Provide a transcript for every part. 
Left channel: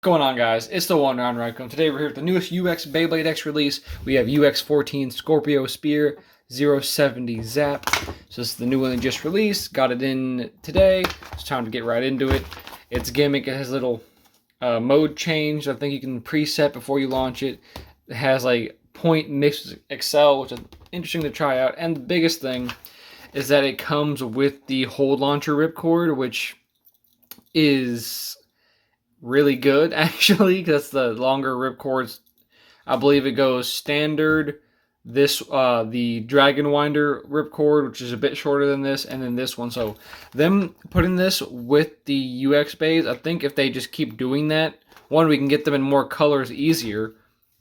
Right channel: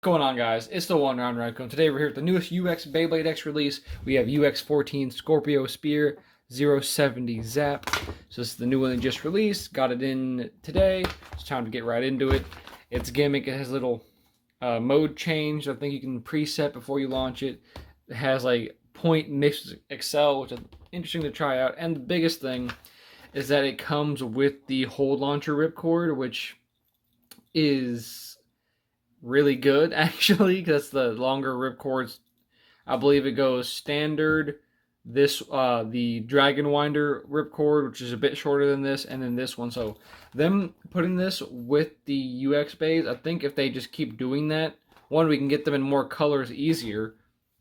Going on, guys? It's the one round Rycom. Today we're here with the newest UX Beyblade X release. We have UX 14 Scorpio Spear 070 Zap. So this is the new one they just released. Got it in today. It's time to get right into it. Its gimmick, it has a little mode change. I think you can preset before you launch it. It has like point mixed with Excel, which is interesting to try out. And the biggest thing is that it comes with the hold launcher ripcord, which is really good actually, because the longer ripcords. I believe it goes standard, this the Dragon Winder ripcord, which is a bit shorter than this, and then this one. So them putting this with the UX bays, I think if they just keep doing that, one, we can get them in more colors easier,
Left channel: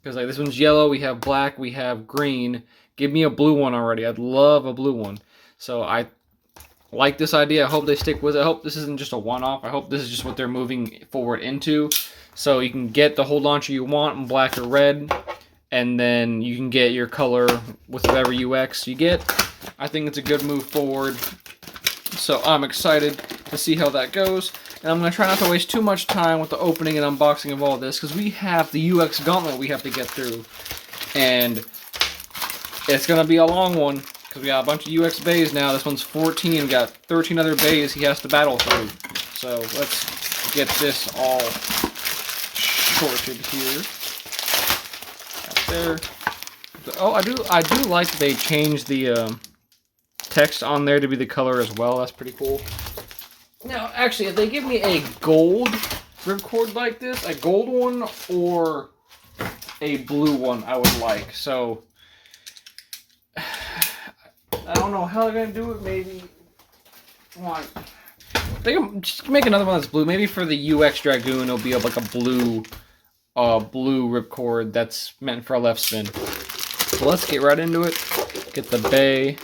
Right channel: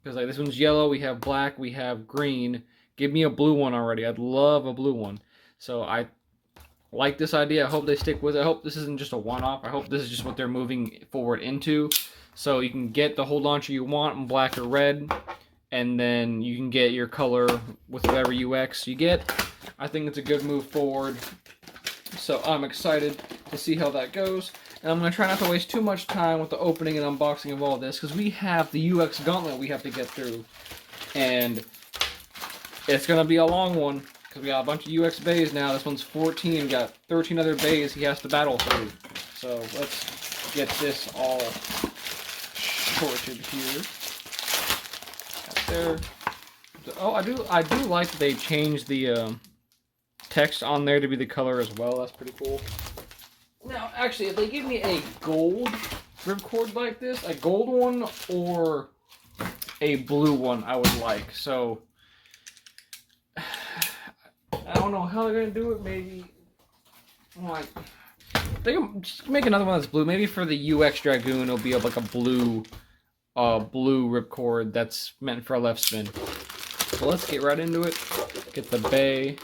because like this one's yellow, we have black, we have green. Give me a blue one already. I'd love a blue one. So I like this idea. I hope they stick with it. I hope this isn't just a one-off. I hope this is just what they're moving forward into. So you can get the whole launcher you want in black or red, and then you can get your color with whatever UX you get. I think it's a good move forward. So I'm excited to see how that goes. And I'm going to try not to waste too much time with the opening and unboxing of all this, because we have the UX gauntlet we have to get through. And it's going to be a long one, because we got a bunch of UX bays now. This one's 14. We got 13 other bays he has to battle through. So let's get this all sorted here. Got there. Oh, I do like that they changed the text on there to be the color as well. That's pretty cool. Now, actually, if they give me a gold ripcord like this, a gold one or a blue one, I would like. So I don't know how they're gonna do it. Maybe like they can just make another one that's blue. Maybe for the UX Dragoon, it'll be like a blue ripcord that's meant for a left spin. So let's get right into it. Get the bay.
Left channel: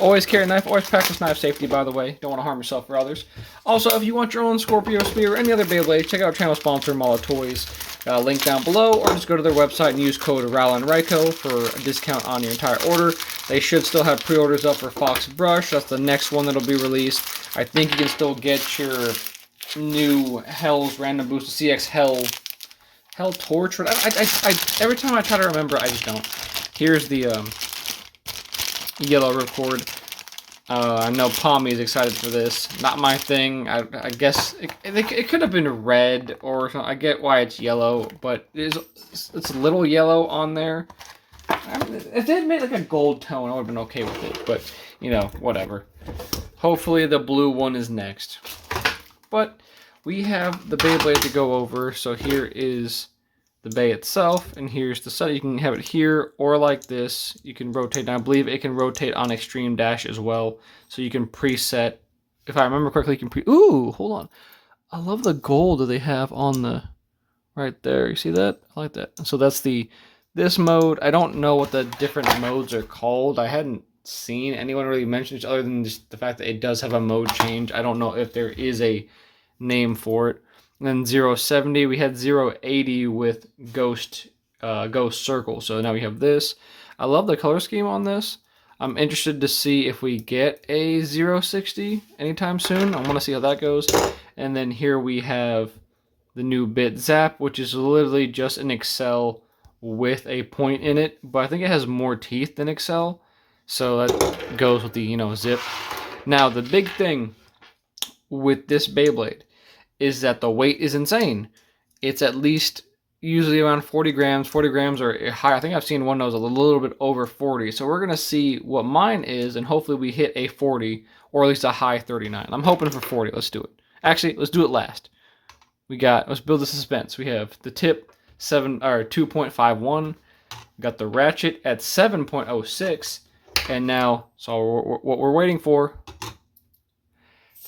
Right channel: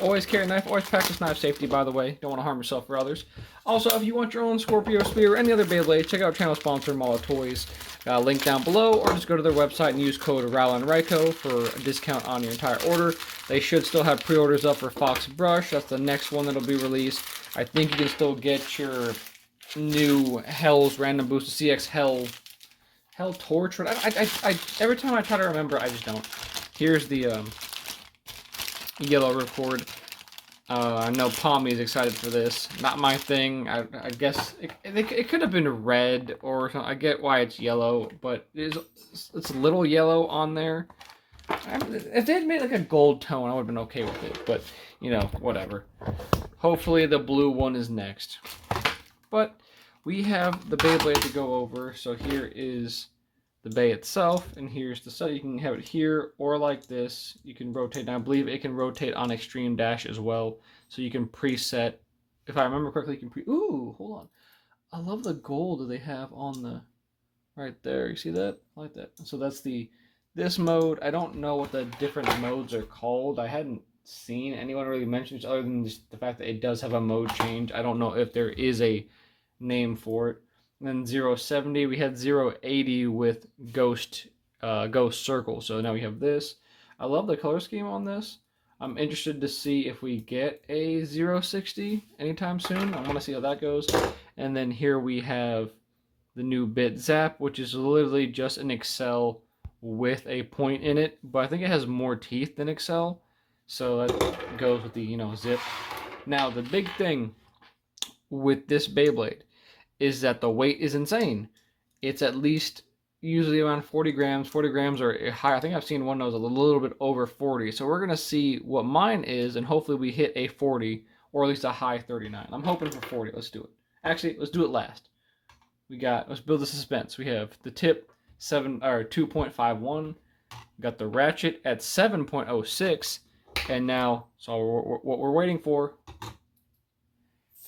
Always carry a knife. Always practice knife safety, by the way. Don't want to harm yourself or others. Also, if you want your own Scorpio Spear or any other Beyblade, check out channel sponsor Mala Toys. Got a link down below, or just go to their website and use code RALANRYCO for a discount on your entire order. They should still have pre-orders up for Fox Brush. That's the next one that'll be released. I think you can still get your new Hell's Random Boost CX Hell Torch. I every time I try to remember, I just don't. Here's the yellow ripcord. I know Palmy is excited for this. Not my thing. I guess it could have been red or something. I get why it's yellow, but it's a little yellow on there. If they had made like a gold tone, I would have been okay with it. But, you know, whatever. Hopefully the blue one is next. But we have the Beyblade to go over. So here is the bay itself, and here's the set. You can have it here or like this. You can rotate, and I believe it can rotate on Extreme Dash as well. So you can preset. If I remember correctly, you can ooh, hold on. I love the gold that they have on the right there. You see that? I like that. So that's this mode. I don't know what the different modes are called. I hadn't seen anyone really mention it other than just the fact that it does have a mode change. I don't know if there is a name for it. And then 070, we had 080 with Ghost Circle. So now we have this. I love the color scheme on this. I'm interested to see if we get a 060 anytime soon. I want to see how that goes. And then here we have the new bit Zap, which is literally just an Excel with a point in it. But I think it has more teeth than Excel. So that goes with the, you know, zip. Now, the big thing with this Beyblade is that the weight is insane. It's at least usually around 40 grams. 40 grams or higher. I think I've seen one that was a little bit over 40. So we're going to see what mine is, and hopefully we hit a 40 or at least a high 39. I'm hoping for 40. Let's do it. Actually, let's do it last. Let's build the suspense. We have the tip 2.51. We got the ratchet at 7.06. And now, so what we're waiting for,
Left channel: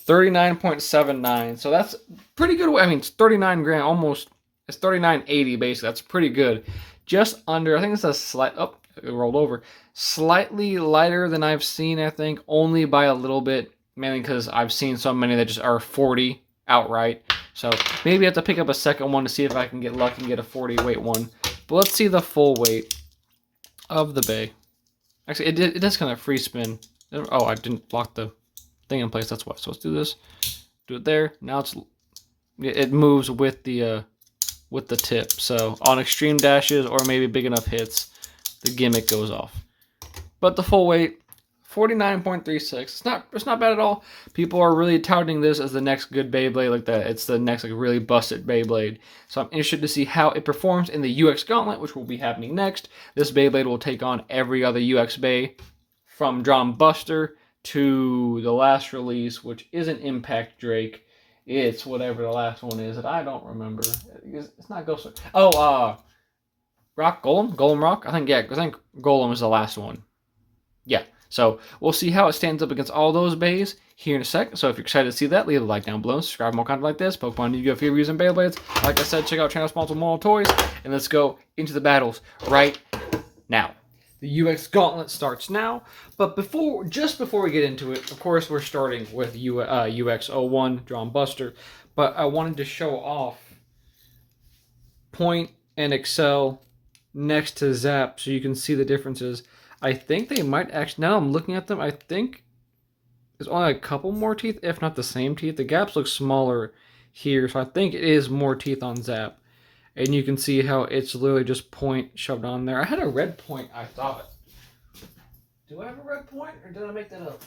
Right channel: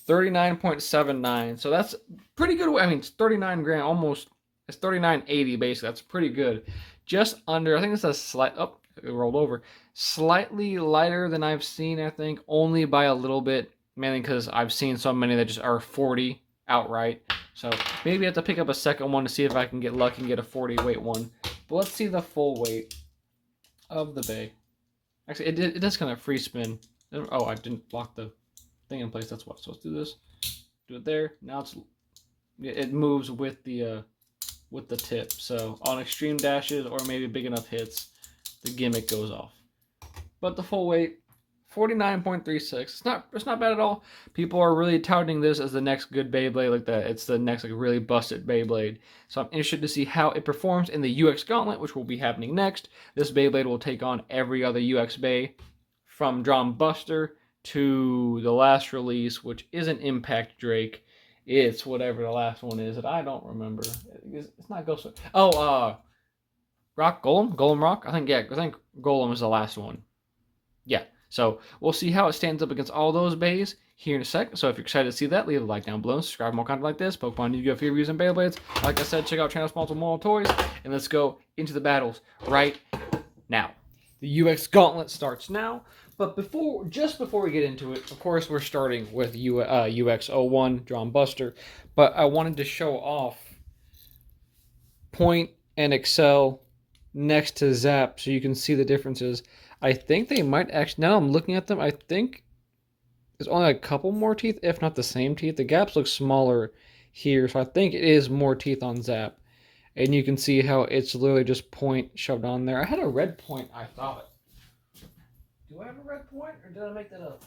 39.79. So that's pretty good. I mean, it's 39 grand, almost. It's 39.80 basically. That's pretty good. Just under, I think it's a slight, oh, it rolled over. Slightly lighter than I've seen, I think, only by a little bit. Mainly because I've seen so many that just are 40 outright. So maybe I have to pick up a second one to see if I can get lucky and get a 40 weight one. But let's see the full weight of the bay. Actually, it does kind of free spin. Oh, I didn't block the thing in place. That's why. So let's do this. Do it there. Now it's it moves with the tip. So on extreme dashes or maybe big enough hits, the gimmick goes off. But the full weight, 49.36. It's not bad at all. People are really touting this as the next good Beyblade, like that. It's the next like really busted Beyblade. So I'm interested to see how it performs in the UX Gauntlet, which will be happening next. This Beyblade will take on every other UX Bay, from Drum Buster to the last release, which isn't Impact Drake. It's whatever the last one is that I don't remember. It's not Ghost. Oh, Rock Golem? Golem Rock? I think Golem is the last one. Yeah, so we'll see how it stands up against all those bays here in a sec. So if you're excited to see that, leave a like down below. Subscribe for more content like this. Pokemon Yu-Gi-Oh! Reviews and Beyblades. Like I said, check out channel sponsor Moral Toys. And let's go into the battles right now. The UX Gauntlet starts now. But just before we get into it, of course, we're starting with UX 01 Drum Buster. But I wanted to show off Point and Excel next to Zap so you can see the differences. I think they might actually, now I'm looking at them, I think there's only a couple more teeth, if not the same teeth. The gaps look smaller here, so I think it is more teeth on Zap. And you can see how it's literally just Point shoved on there. I had a red Point, I thought. Do I have a red Point, or did I make that up?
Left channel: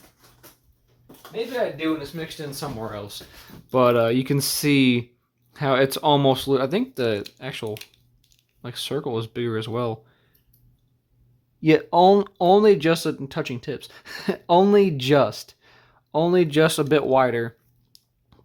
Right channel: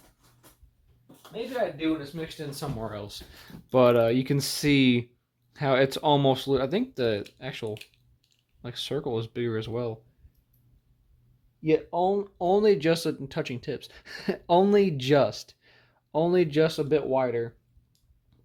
Maybe I do, and it's mixed in somewhere else. But you can see how it's almost, I think the actual like circle is bigger as well. Yet only just touching tips. only just a bit wider.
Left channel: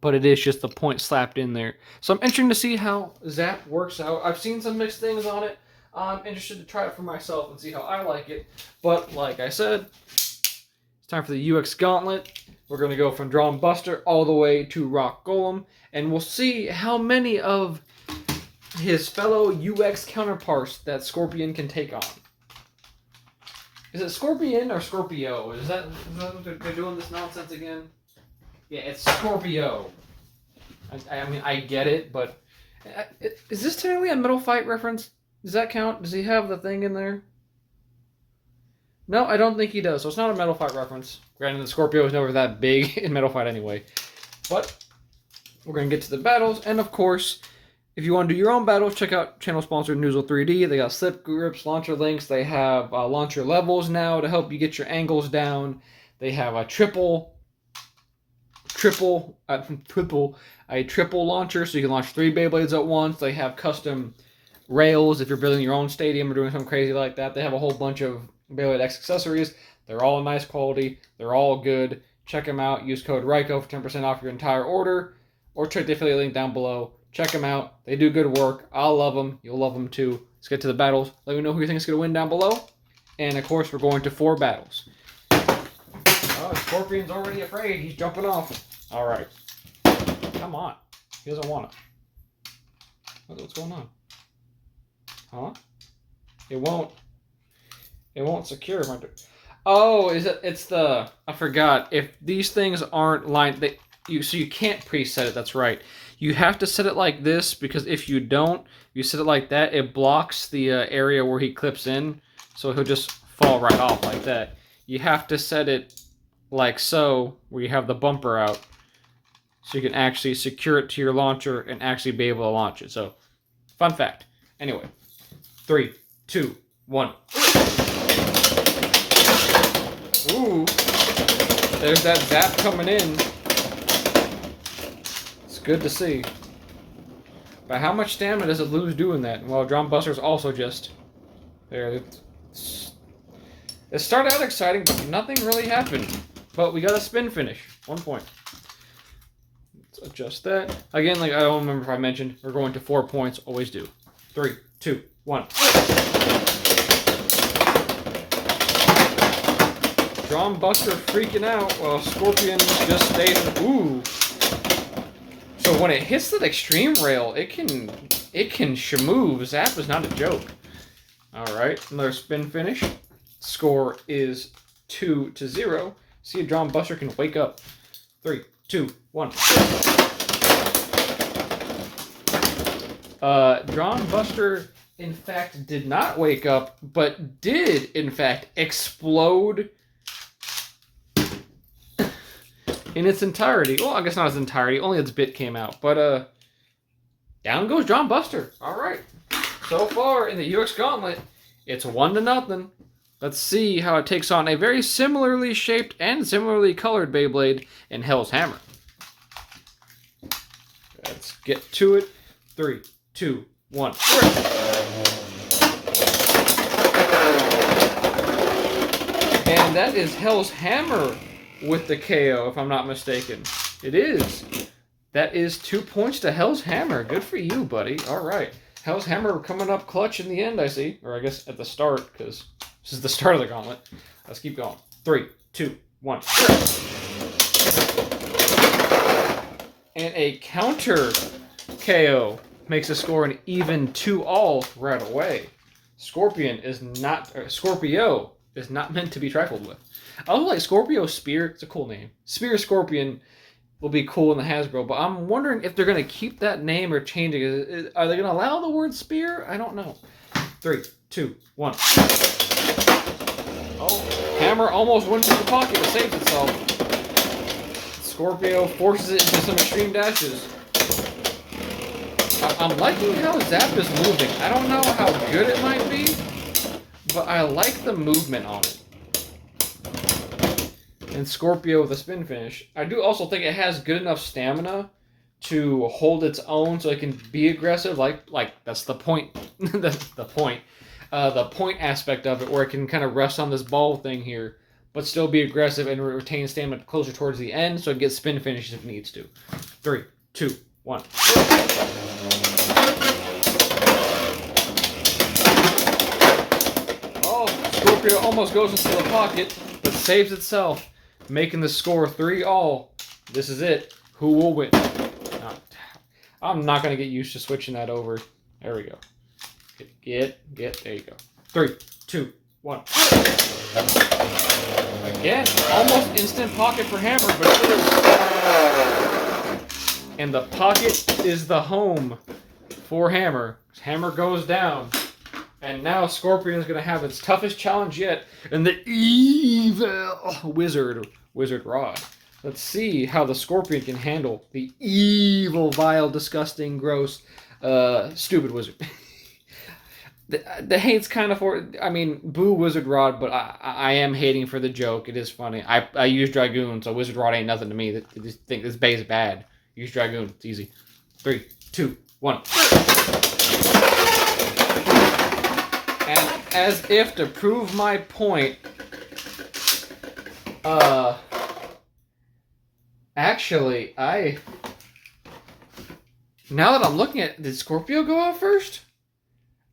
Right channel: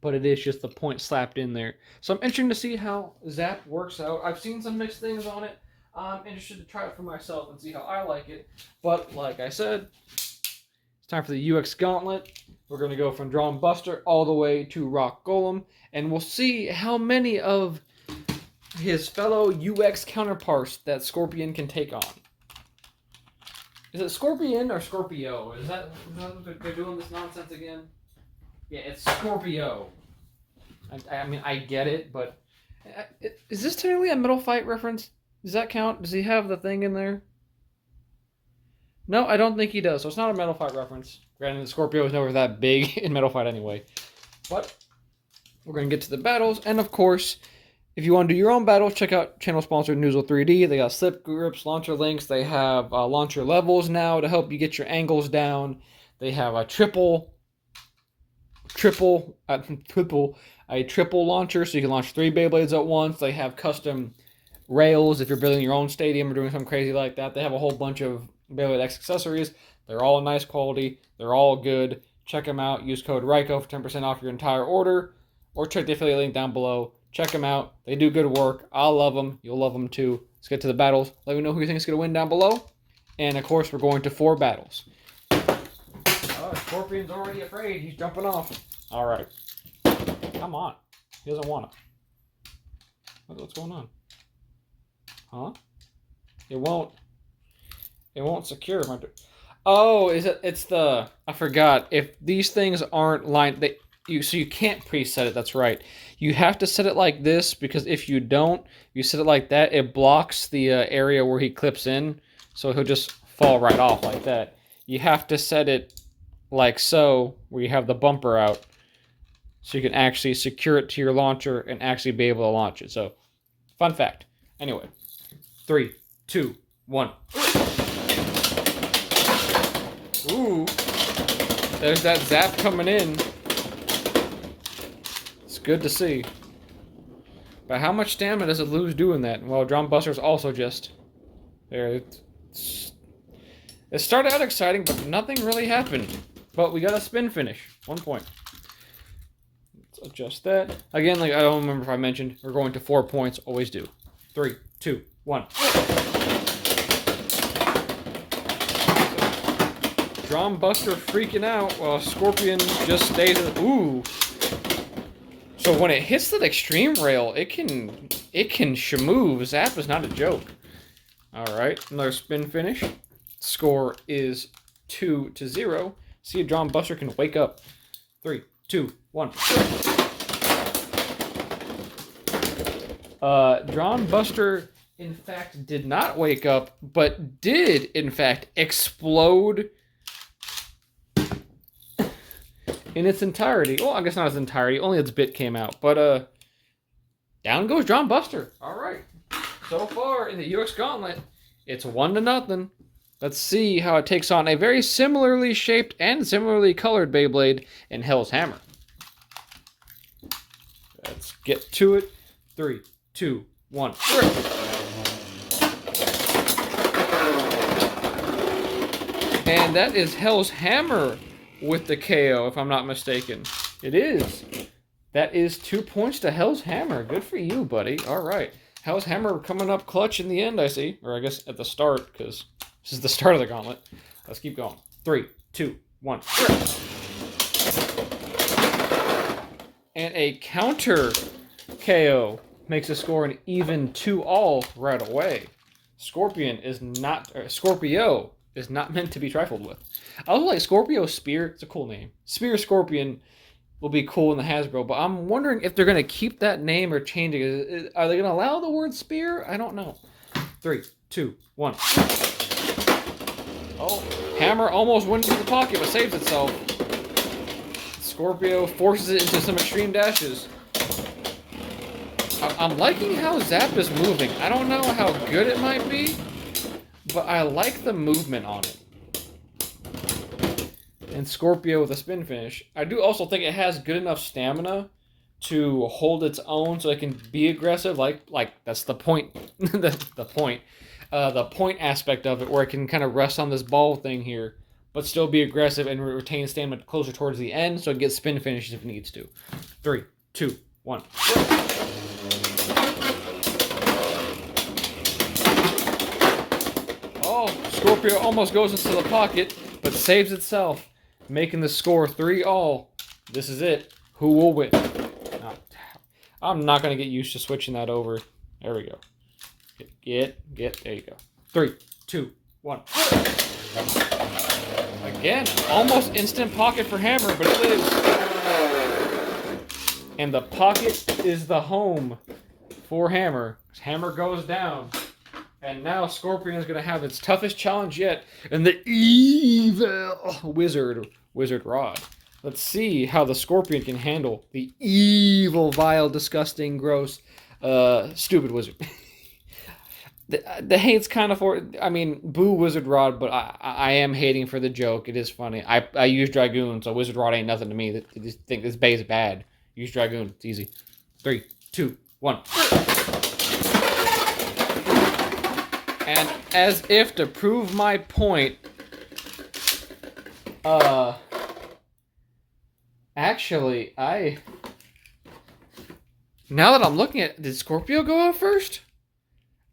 But it is just the Point slapped in there. So I'm interested to see how Zap works out. I've seen some mixed things on it. I'm interested to try it for myself and see how I like it. But like I said, it's time for the UX Gauntlet. We're going to go from Drum Buster all the way to Rock Golem. And we'll see how many of his fellow UX counterparts that Scorpion can take on. Is it Scorpion or Scorpio? Is that what they're doing this nonsense again? Yeah, it's Scorpio. I mean, I get it, but is this technically a Metal Fight reference? Does that count? Does he have the thing in there? No, I don't think he does. So it's not a Metal Fight reference. Granted, the Scorpio is never that big in Metal Fight anyway. But we're going to get to the battles, and of course, if you want to do your own battles, check out channel sponsor Noozle 3D. They got slip grips, launcher links. They have launcher levels now to help you get your angles down. They have a triple launcher, so you can launch 3 Beyblades at once. They have custom rails if you're building your own stadium or doing something crazy like that. They have a whole bunch of Beyblade X accessories. They're all nice quality. They're all good. Check them out. Use code RYCO for 10% off your entire order, or check the affiliate link down below. Check them out. They do good work. I love them. You'll love them too. Let's get to the battles. Let me know who you think is going to win down below. And, of course, we're going to 4 battles. Oh, Scorpion's already afraid. He's jumping off. All right. Come on. He doesn't want to. What's going on? Huh? It won't secure. Oh, it's the... I forgot. If these things aren't lined... So you can't preset it. That's right. You have to set it like this, because if you don't, you set it like that, it blocks the area where he clips in, so he'll just fall right off like that. You have to set it like so, where you have the bumper out, so you can actually secure it to your launcher and actually be able to launch it. So, fun fact. Anyway, 3, 2, 1. Ooh, there's that zap coming in. Good to see. But how much stamina does it lose doing that? Well, Drum Buster's also just there. It started out exciting, but nothing really happened. But we got a spin finish. 1 point. Let's adjust that. Again, like I don't remember if I mentioned, we're going to 4 points. Always do. 3, 2, 1. Drum Buster freaking out while Scorpion just stays in. Ooh. So when it hits that extreme rail, it can shmove. Zap is not a joke. Alright, another spin finish. Score is 2-0. See if Drum Buster can wake up. 3, 2, 1. Drum Buster, in fact, did not wake up, but did, in fact, explode in its entirety. Well, I guess not its entirety. Only its bit came out. But Down goes John Buster. All right. So far in the UX Gauntlet, it's 1-0. Let's see how it takes on a very similarly shaped and similarly colored Beyblade in Hell's Hammer. Let's get to it. 3, 2, 1. And that is Hell's Hammer with the KO, if I'm not mistaken. It is. That is 2 points to Hell's Hammer. Good for you, buddy. All right. Hell's Hammer coming up clutch in the end, I see. Or I guess at the start, because this is the start of the gauntlet. Let's keep going. 3, 2, 1. And a counter KO makes the score an even 2-all right away. Scorpio is not meant to be trifled with. I also like Scorpio Spear. It's a cool name. Spear Scorpion will be cool in the Hasbro, but I'm wondering if they're going to keep that name or change it. Are they going to allow the word spear? I don't know. 3, 2, 1. Oh, Hammer almost went into the pocket but saved itself. Scorpio forces it into some extreme dashes. I'm liking how Zap is moving. I don't know how good it might be, but I like the movement on it. And Scorpio with a spin finish. I do also think it has good enough stamina to hold its own so it can be aggressive. Like that's the point. That's the point. The point aspect of it, where it can kind of rest on this ball thing here, but still be aggressive and retain stamina closer towards the end so it gets spin finishes if it needs to. 3, 2, 1. Oh, Scorpio almost goes into the pocket, but saves itself, making the score 3-all. This is it. Who will win? I'm not going to get used to switching that over. There we go. There you go. 3, 2, 1. Again, almost instant pocket for Hammer, but it is. And the pocket is the home for Hammer. Hammer goes down. And now Scorpion is going to have its toughest challenge yet in the evil Wizard Rod. Let's see how the Scorpion can handle the evil, vile, disgusting, gross, stupid Wizard. The hate's kind of for, I mean, boo Wizard Rod, but I am hating for the joke. It is funny. I use Dragoon, so Wizard Rod ain't nothing to me. I just think this bay is bad. Use Dragoon. It's easy. 3, 2, 1. And as if to prove my point, actually, now that I'm looking at, did Scorpio go out first?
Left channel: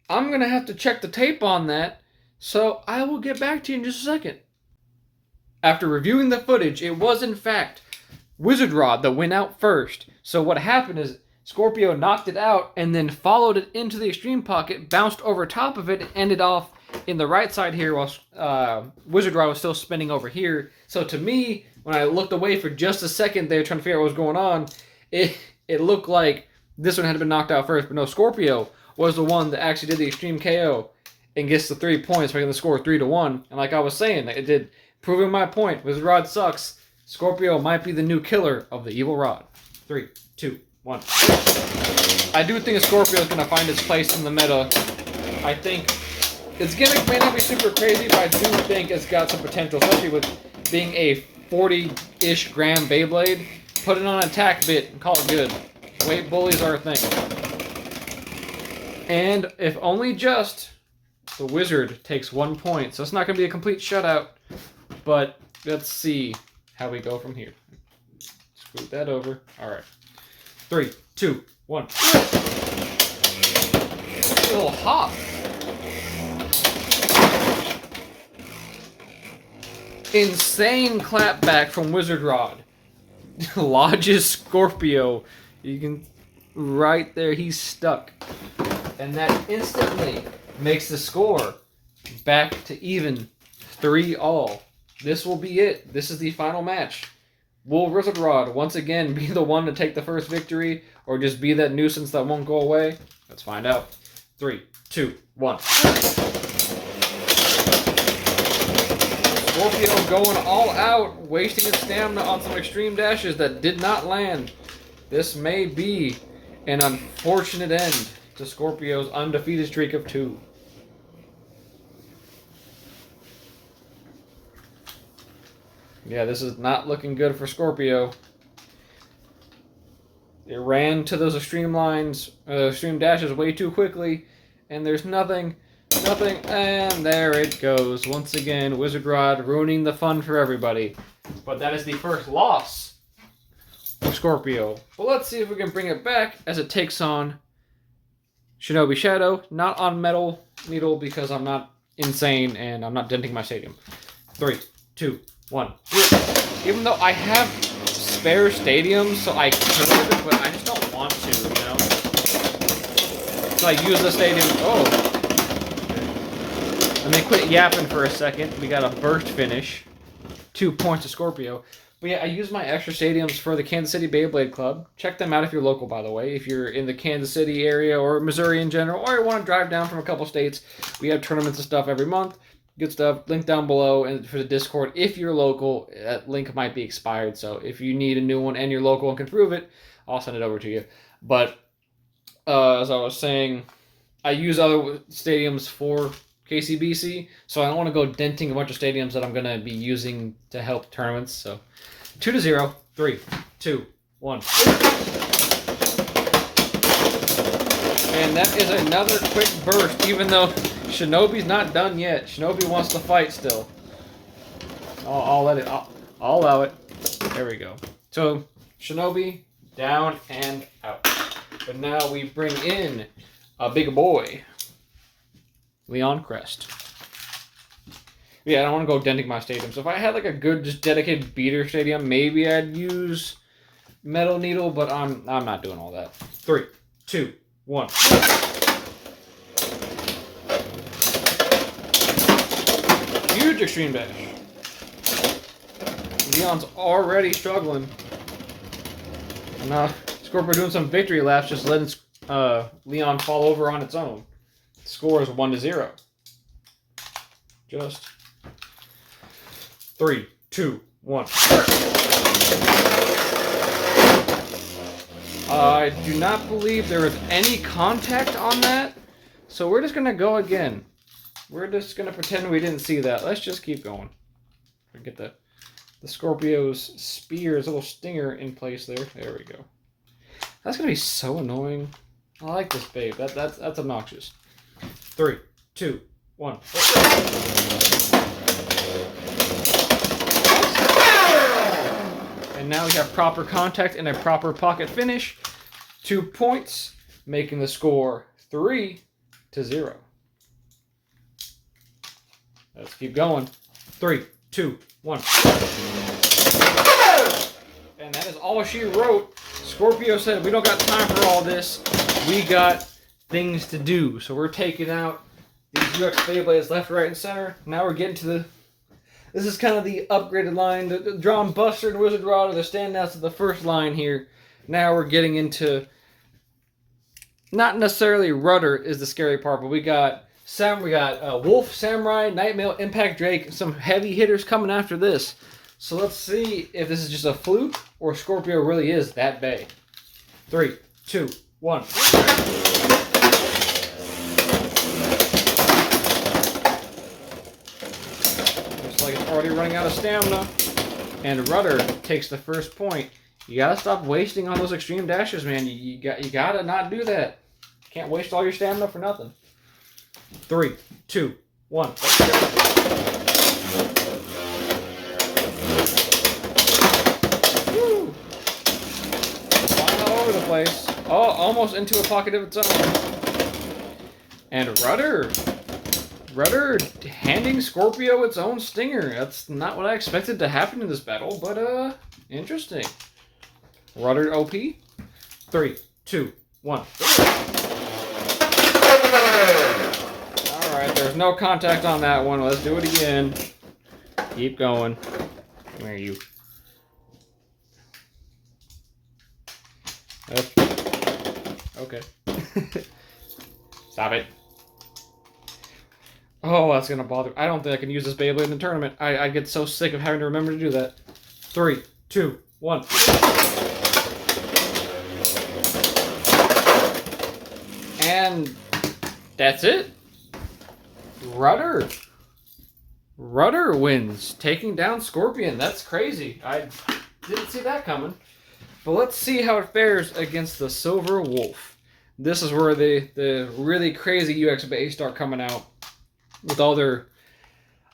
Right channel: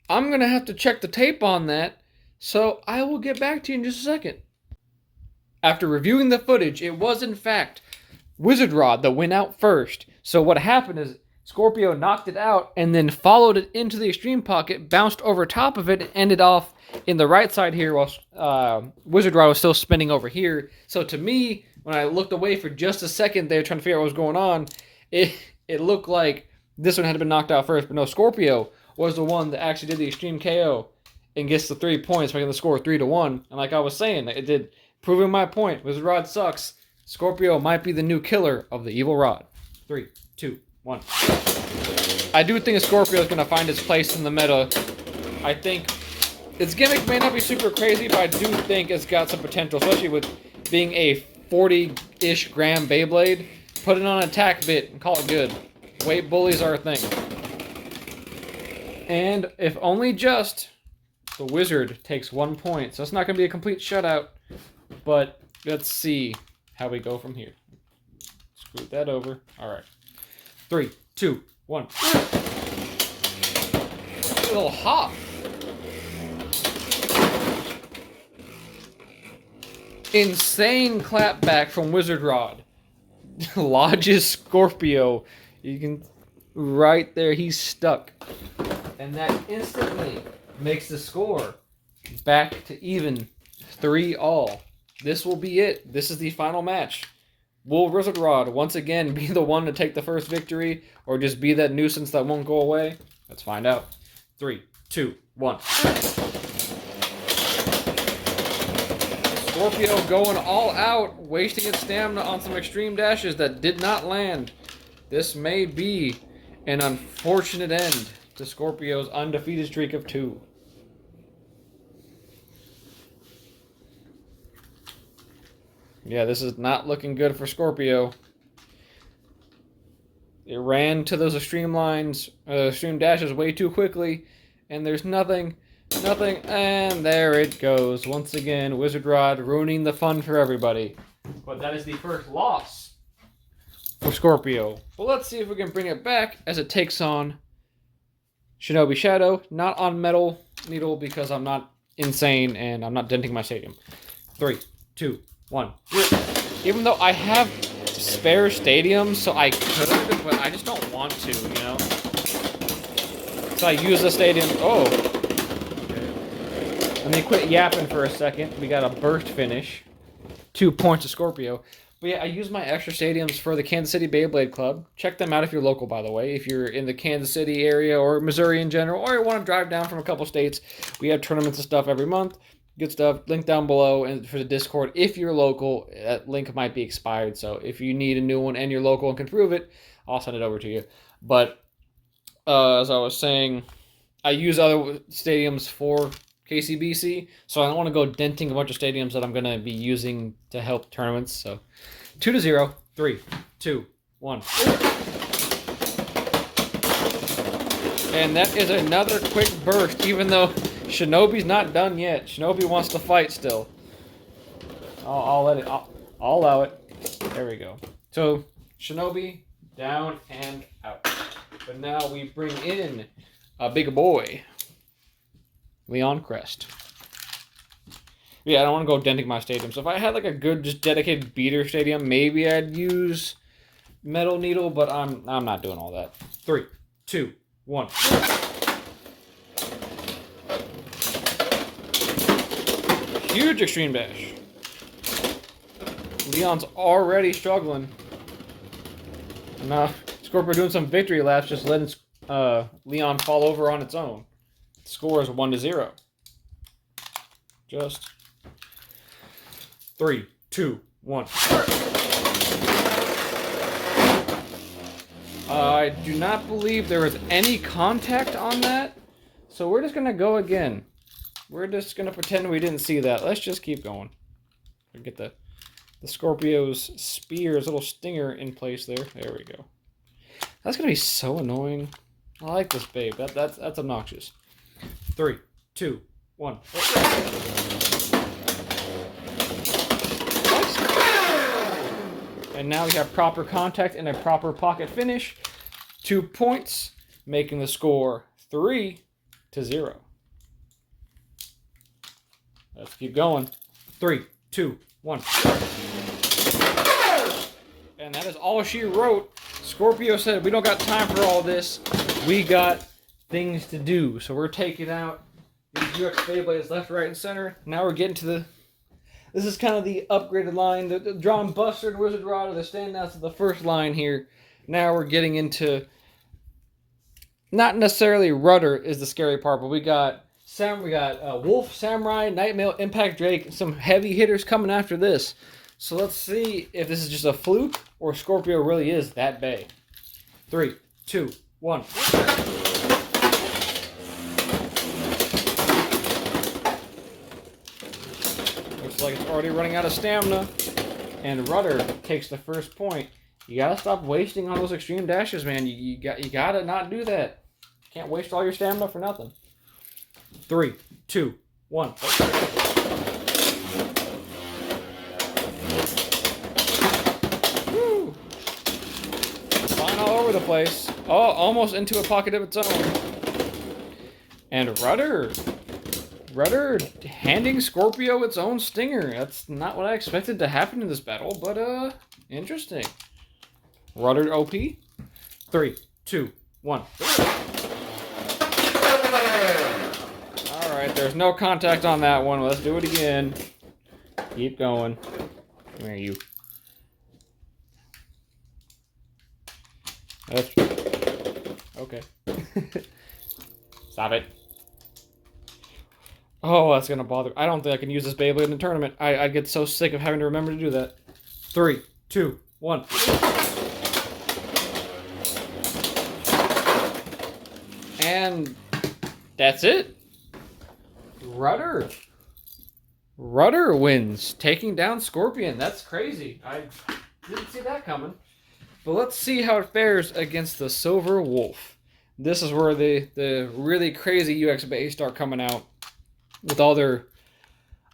I'm going to have to check the tape on that, so I will get back to you in just a second. After reviewing the footage, it was in fact Wizard Rod that went out first. So what happened is Scorpio knocked it out and then followed it into the extreme pocket, bounced over top of it, and ended off in the right side here while Wizard Rod was still spinning over here. So to me, when I looked away for just a second there trying to figure out what was going on, it looked like this one had been knocked out first. But no, Scorpio was the one that actually did the extreme KO and gets the 3 points, making the score 3-1. And like I was saying, it did, proving my point. Wizard Rod sucks. Scorpio might be the new killer of the evil Rod. 3, 2, 1. I do think Scorpio is going to find its place in the meta. I think its gimmick may not be super crazy, but I do think it's got some potential, especially with being a 40-ish gram Beyblade. Put it on an attack bit and call it good. Weight bullies are a thing. And if only just, the Wizard takes 1 point. So it's not going to be a complete shutout, but let's see how we go from here. Scoot that over. All right. 3, 2, 1. A little hop. Insane clapback from Wizard Rod. Lodges Scorpio. You can, right there, he's stuck. And that instantly makes the score back to even 3-all. This will be it. This is the final match. Will Wizard Rod once again be the one to take the first victory, or just be that nuisance that won't go away? Let's find out. 3, 2, 1. Scorpio going all out, wasting its stamina on some extreme dashes that did not land. This may be An unfortunate end to Scorpio's undefeated streak of 2. Yeah, this is not looking good for Scorpio. It ran to those extreme lines, extreme dashes way too quickly, and there's nothing, and there it goes. Once again, Wizard Rod ruining the fun for everybody. But that is the first loss for Scorpio. But let's see if we can bring it back as it takes on Shinobi Shadow. Not on Metal Needle because I'm not insane and I'm not denting my stadium. 3, 2, 1. Even though I have spare stadiums, so I could, but I just don't want to, you know? So I use the stadium. Oh. Let me quit yapping for a second. We got a burst finish. 2 points to Scorpio. But yeah, I use my extra stadiums for the Kansas City Beyblade Club. Check them out if you're local, by the way. If you're in the Kansas City area or Missouri in general, or you want to drive down from a couple states, we have tournaments and stuff every month. Good stuff. Link down below and for the Discord. If you're local, that link might be expired. So if you need a new one and you're local and can prove it, I'll send it over to you. But as I was saying, I use other stadiums for KCBC, so I don't want to go denting a bunch of stadiums that I'm going to be using to help tournaments. So 2-0. 3, 2, 1. And that is another quick burst, even though Shinobi's not done yet. Shinobi wants to fight still. I'll let it. I'll allow it. There we go. So Shinobi down and out. But now we bring in a big boy, Leon Crest. Yeah, I don't want to go denting my stadium. So if I had like a good, just dedicated beater stadium, maybe I'd use Metal Needle. But I'm not doing all that. 3, 2, 1. Huge extreme dash. Leon's already struggling. And now Scorpio doing some victory laps, just letting Leon fall over on its own. The score is 1-0. Just 3, 2, 1. I do not believe there is any contact on that, so we're just gonna go again. We're just going to pretend we didn't see that. Let's just keep going. Get the Scorpio's spear's little stinger in place there. There we go. That's going to be so annoying. I like this babe. That's obnoxious. 3, 2, 1. And now we have proper contact and a proper pocket finish. 2 points, making the score 3-0. Let's keep going. 3, 2, 1. And that is all she wrote. Scorpio said, we don't got time for all this. We got things to do. So we're taking out these UX Beyblades left, right, and center. Now we're getting to the... This is kind of the upgraded line. The Drawn Buster and Wizard Rod are the standouts of the first line here. Now we're getting into... Not necessarily Rudder is the scary part, but we got Wolf, Samurai, Nightmail, Impact Drake, some heavy hitters coming after this. So let's see if this is just a fluke or Scorpio really is that big. 3, 2, 1. Looks like it's already running out of stamina. And Rudder takes the first point. You gotta stop wasting on those extreme dashes, man. You gotta not do that. Can't waste all your stamina for nothing. 3, 2, 1. Woo! All over the place. Oh, almost into a pocket of its own. And Rudder handing Scorpio its own stinger. That's not what I expected to happen in this battle, but interesting. Rudder OP. 3, 2, 1. Alright, there's no contact on that one. Let's do it again. Keep going. Where are you? Oops. Okay. Stop it. Oh, that's gonna bother. I don't think I can use this Beyblade in a tournament. I get so sick of having to remember to do that. 3, 2, 1. And that's it. Rudder wins, taking down Scorpion. That's crazy. I didn't see that coming. But let's see how it fares against the Silver Wolf. This is where the really crazy UX bays start coming out with all their...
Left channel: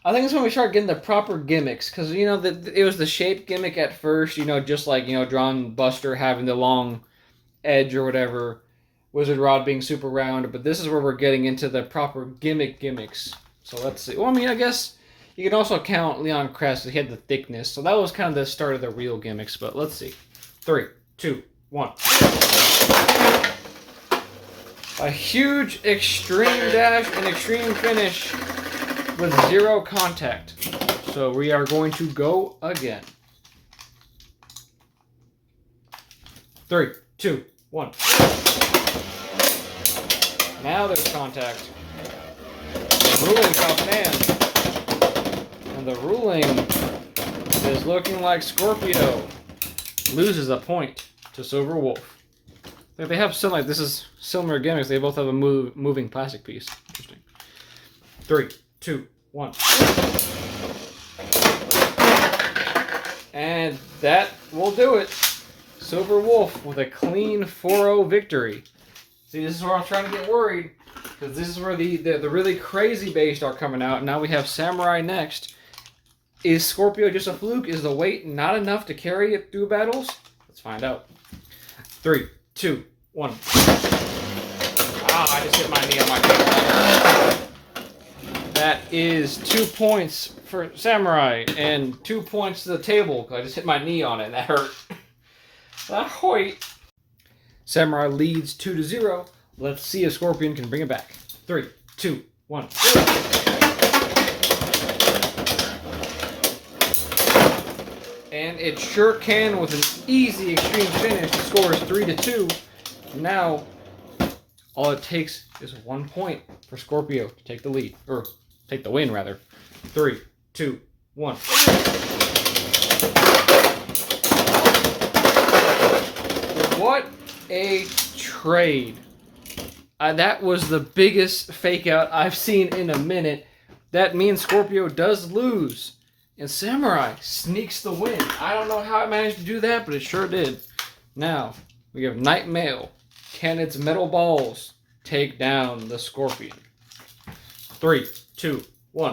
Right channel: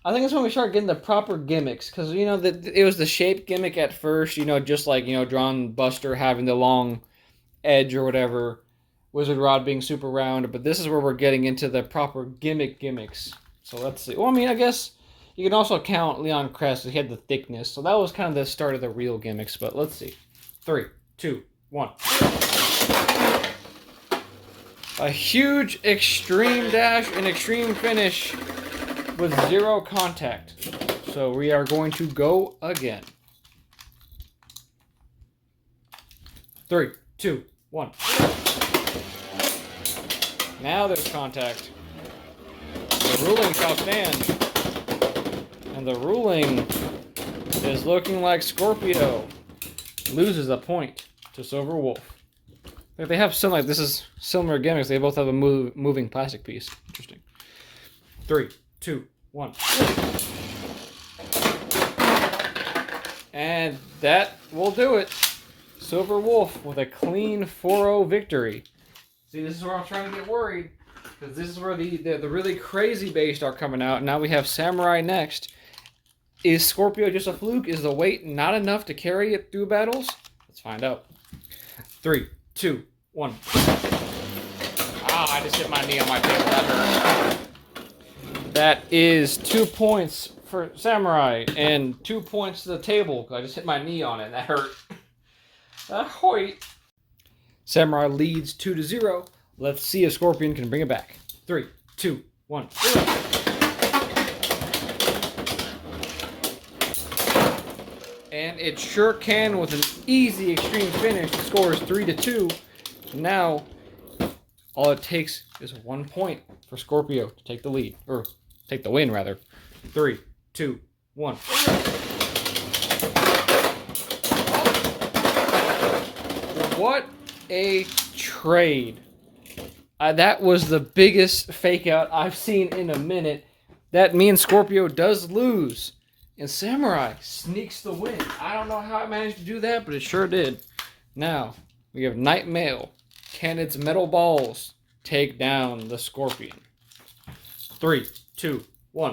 I think it's when we start getting the proper gimmicks. Because, you know, it was the shape gimmick at first. You know, just like, you know, Drawn Buster having the long edge or whatever. Wizard Rod being super round. But this is where we're getting into the proper gimmicks. So let's see. Well, I mean, I guess you can also count Leon Crest. He had the thickness. So that was kind of the start of the real gimmicks. But let's see. 3, 2, 1. A huge extreme dash and extreme finish with 0 contact. So we are going to go again. 3, 2, 1. Now there's contact. The ruling shall stand. And the ruling is looking like Scorpio loses a point to Silver Wolf. Like they have similar, this is similar gimmicks. They both have a moving plastic piece. Interesting. 3, 2, 1. And that will do it. Silver Wolf with a clean 4-0 victory. See, this is where I'm trying to get worried. Because this is where the really crazy bays start coming out. Now we have Samurai next. Is Scorpio just a fluke? Is the weight not enough to carry it through battles? Let's find out. 3, 2, 1. Ah, I just hit my knee on my table. That is 2 points for Samurai and 2 points to the table because I just hit my knee on it and that hurt. Ahoy! Samurai leads 2-0. Let's see if Scorpion can bring it back. 3, 2, 1. And it sure can with an easy extreme finish. The score is 3-2. Now, all it takes is 1 point for Scorpio to take the lead. Or, take the win, rather. 3, 2, 1. What a trade. That was the biggest fake out I've seen in a minute. That means Scorpio does lose. And Samurai sneaks the win. I don't know how it managed to do that, but it sure did. Now, we have Night Mail. Can its metal balls take down the Scorpion? 3, 2, 1.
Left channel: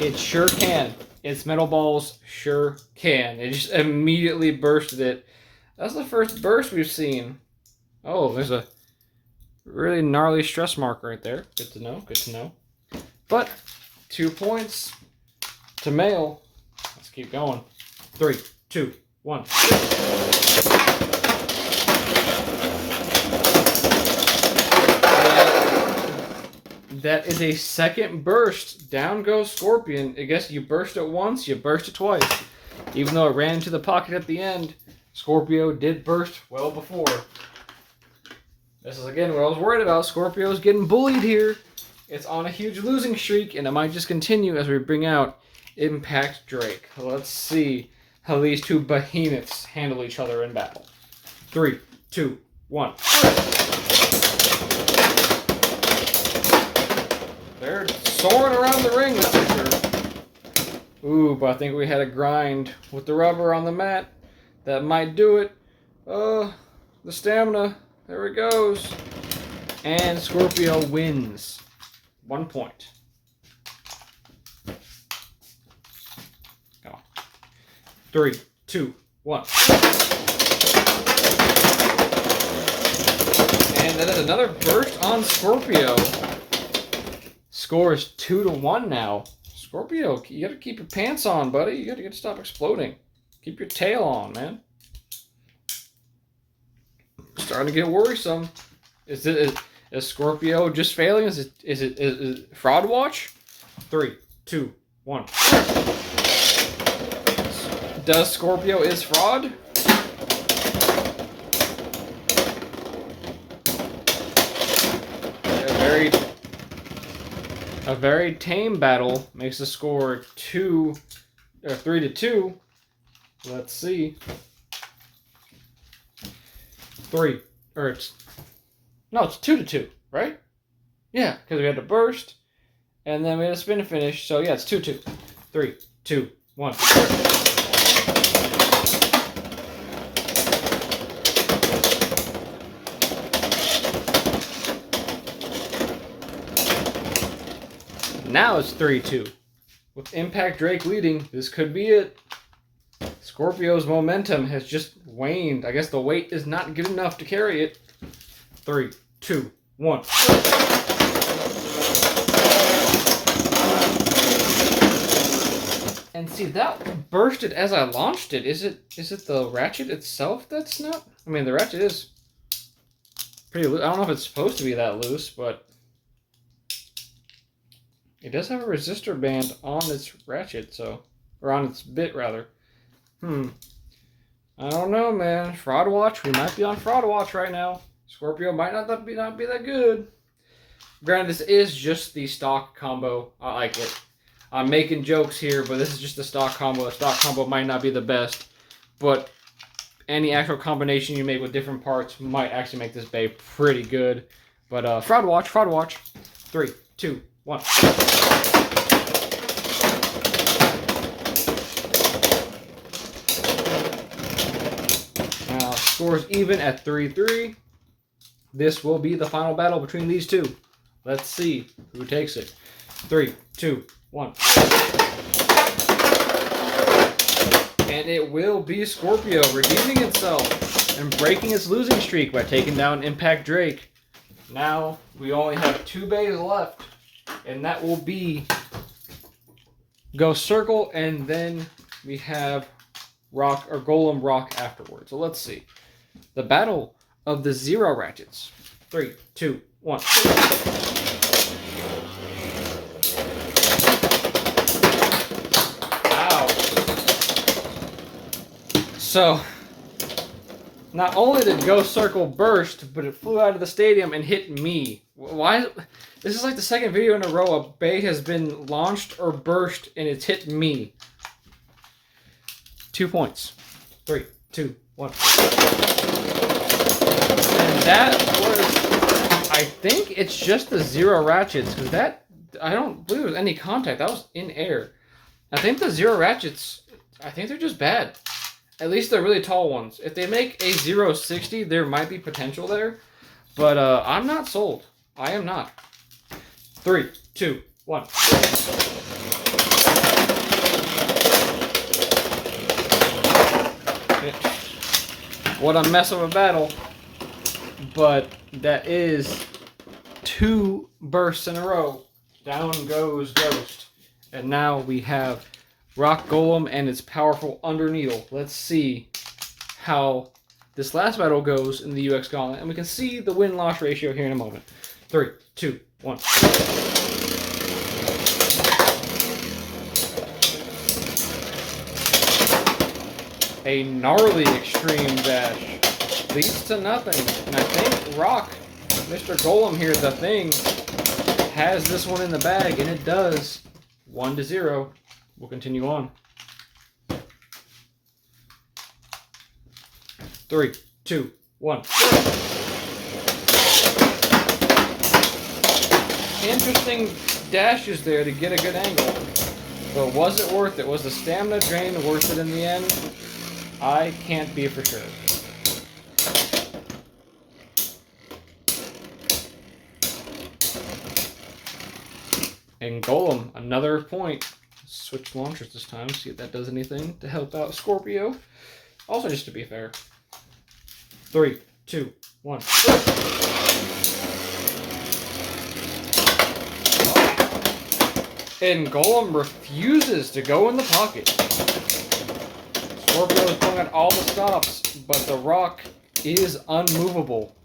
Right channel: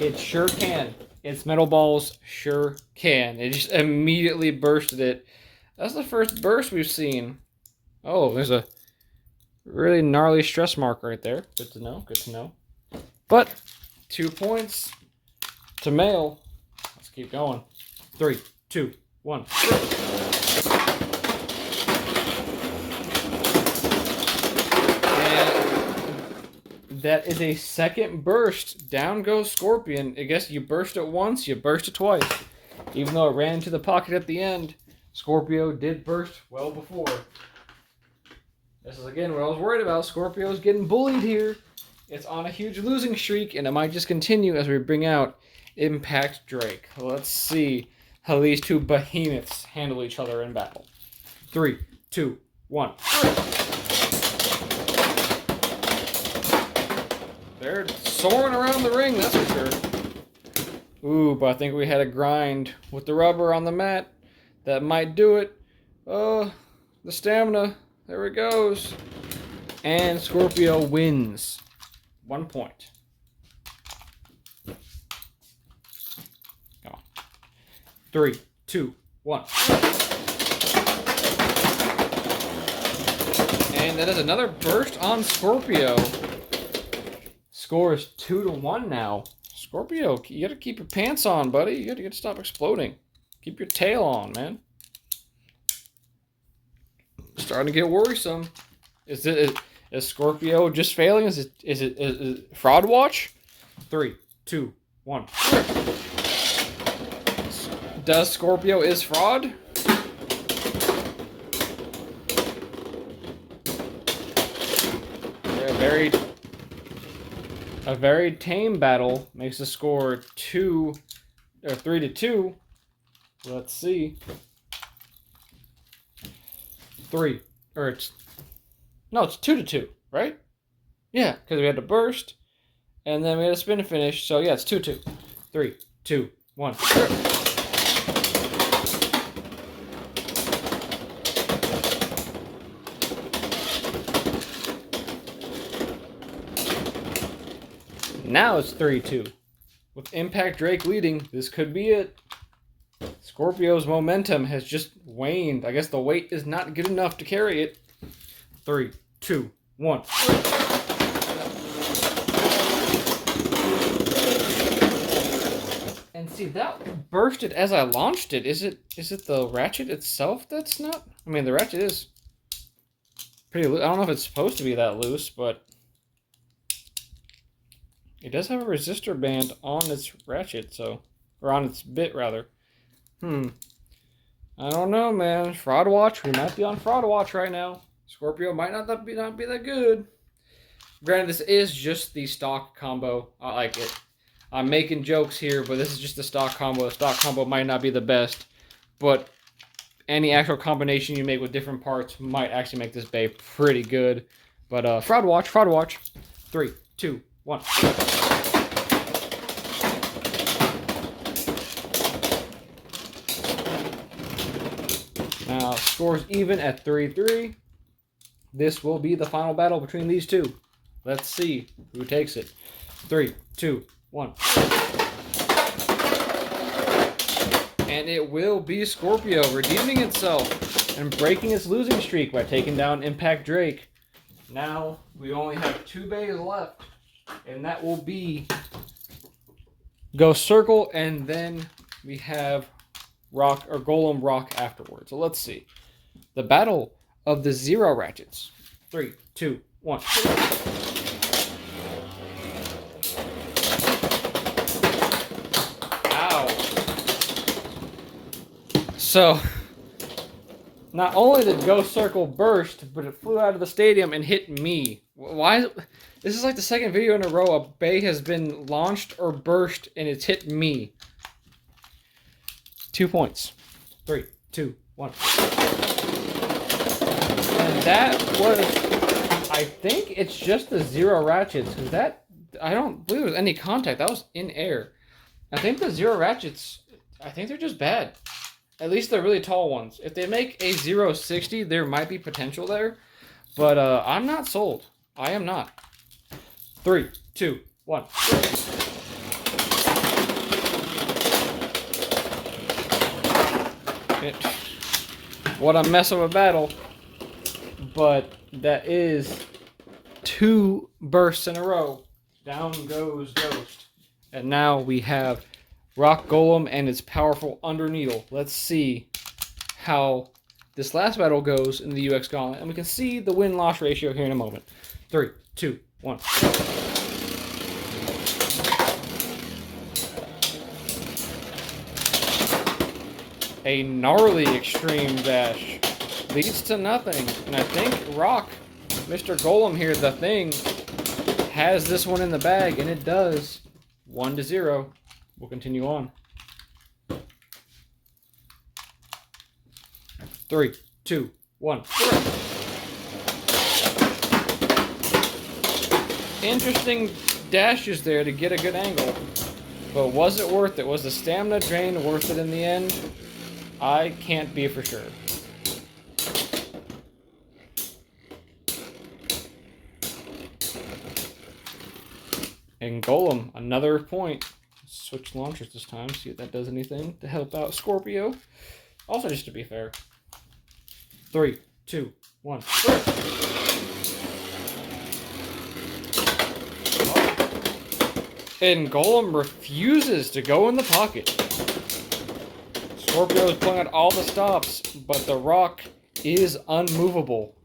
It sure can. Its metal balls sure can. It just immediately bursted it. That's the first burst we've seen. Oh, there's a really gnarly stress mark right there. Good to know. Good to know. But 2 points to Mail. Let's keep going. 3, 2, 1. And that is a second burst. Down goes Scorpion. I guess you burst it once, you burst it twice. Even though it ran into the pocket at the end, Scorpio did burst well before. This is, again, what I was worried about. Scorpio's getting bullied here. It's on a huge losing streak, and it might just continue as we bring out Impact Drake. Let's see how these two behemoths handle each other in battle. 3, 2, 1. They're soaring around the ring, that's for sure. Ooh, but I think we had a grind with the rubber on the mat. That might do it. The stamina. There it goes. And Scorpio wins. 1 point. Go on. 3, 2, 1. And that is another burst on Scorpio. Score is 2-1 now. Scorpio, you gotta keep your pants on, buddy. You gotta stop exploding. Keep your tail on, man. Starting to get worrisome. Is Scorpio just failing? Is it fraud watch? 3, 2, 1. Does Scorpio is fraud? Yeah, a very tame battle makes the score 3-2. Let's see. 3. Or it's 2-2, right? Yeah, because we had to burst, and then we had a spin to finish. So yeah, it's 2-2. 3, 2, 1. Now it's 3-2. With Impact Drake leading, this could be it. Scorpio's momentum has just waned. I guess the weight is not good enough to carry it. 3, 2, 1. And see, that bursted as I launched it. Is it the ratchet itself that's not? I mean, the ratchet is pretty loose. I don't know if it's supposed to be that loose, but it does have a resistor band on its ratchet, or on its bit rather. I don't know, man. Fraud watch. We might be on fraud watch right now. Scorpio might not be that good. Granted, this is just the stock combo. I like it. I'm making jokes here, but this is just the stock combo. The stock combo might not be the best, but any actual combination you make with different parts might actually make this bay pretty good. But fraud watch. 3, 2, 1. Now, scores even at 3-3. This will be the final battle between these two. Let's see who takes it. 3, 2, 1. And it will be Scorpio redeeming itself and breaking its losing streak by taking down Impact Drake. Now we only have 2 bays left, and that will be Ghost Circle, and then we have Rock or Golem Rock afterwards. So let's see. The battle of the 0 ratchets. 3, 2, 1. Ow. So, not only did Ghost Circle burst, but it flew out of the stadium and hit me. Why? This is like the second video in a row a bay has been launched or burst and it's hit me. 2 points. 3, 2, 1. And that was, I think it's just the 0 ratchets, because that, I don't believe there was any contact. That was in air. I think the 0 ratchets, I think they're just bad. At least they're really tall ones. If they make a 0.60, there might be potential there. But I'm not sold. I am not. 3, 2, 1. What a mess of a battle. But that is 2 bursts in a row. Down goes Ghost. And now we have Rock Golem and its powerful Underneedle. Let's see how this last battle goes in the UX Gauntlet. And we can see the win-loss ratio here in a moment. 3, 2, 1. A gnarly extreme dash leads to nothing. And I think Rock, Mr. Golem here, the thing, has this one in the bag, and it does. 1-0. We'll continue on. 3, 2, 1. Interesting dashes there to get a good angle. But was it worth it? Was the stamina drain worth it in the end? I can't be for sure. And Golem, another point. Switch launchers this time, see if that does anything to help out Scorpio. Also, just to be fair. 3, 2, 1. And Golem refuses to go in the pocket. Scorpio is pulling at all the stops, but the Rock is unmovable.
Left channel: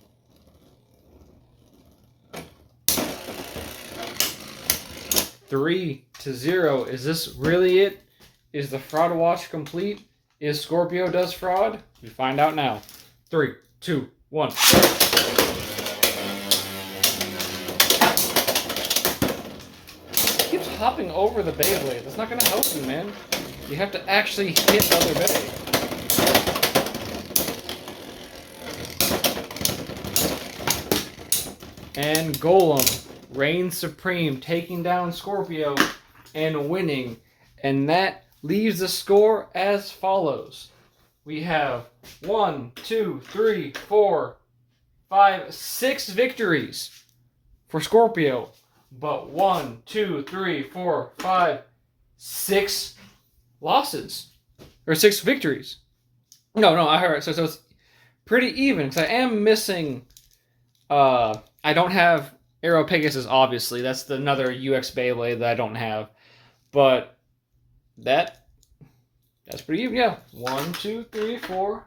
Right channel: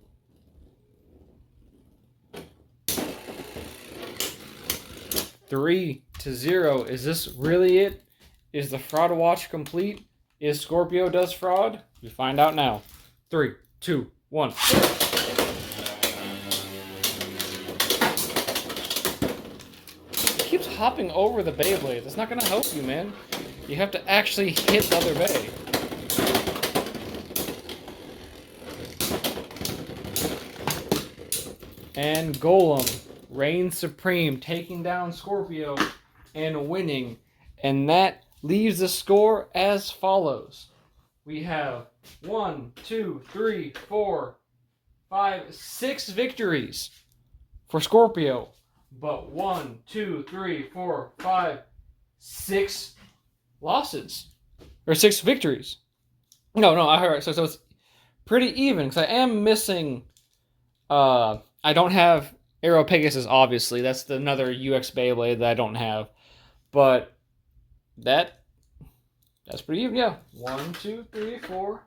Three to 0. Is this really it? Is the fraud watch complete? Is Scorpio does fraud? We find out now. 3, 2, 1. Keeps hopping over the Beyblade. That's not going to help you, man. You have to actually hit the other bay. And Golem reigns supreme, taking down Scorpio and winning. And that leaves the score as follows. We have 1, 2, 3, 4, 5, 6 victories for Scorpio. But 1, 2, 3, 4, 5, 6 losses. Or 6 victories. No, I heard. So it's pretty even. Because I am missing... I don't have Aero Pegasus, obviously. That's another UX Beyblade that I don't have. But that's pretty even, yeah. 1, 2, 3, 4,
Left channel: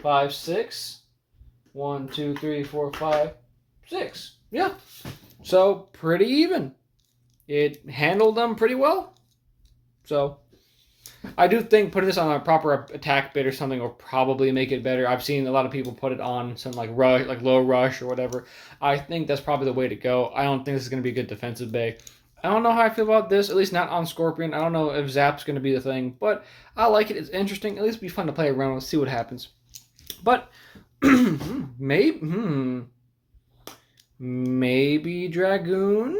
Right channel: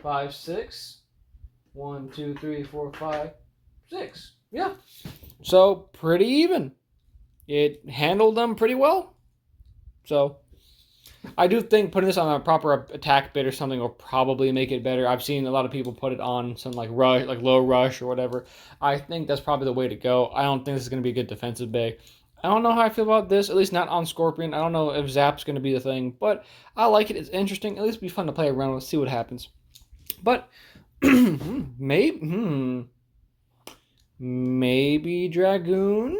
5, 6. 1, 2, 3, 4, 5, 6. Yeah. So, pretty even. It handled them pretty well. So, I do think putting this on a proper attack bit or something will probably make it better. I've seen a lot of people put it on some like rush, like low rush or whatever. I think that's probably the way to go. I don't think this is going to be a good defensive bay. I don't know how I feel about this, at least not on Scorpion. I don't know if Zap's going to be the thing, but I like it. It's interesting. At least it'll be fun to play around and see what happens. But maybe Dragoon.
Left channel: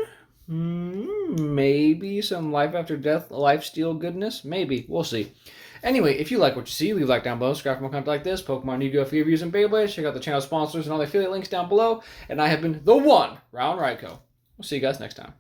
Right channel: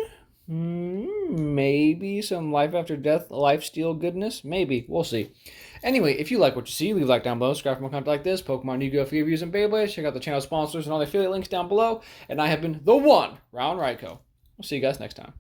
Maybe some Life After Death, lifesteal goodness. Maybe. We'll see. Anyway, if you like what you see, leave a like down below. Subscribe for more content like this. Pokemon Yu-Gi-Oh! Free reviews and Beyblade. Check out the channel sponsors and all the affiliate links down below. And I have been the one, Round Ryko. We'll see you guys next time.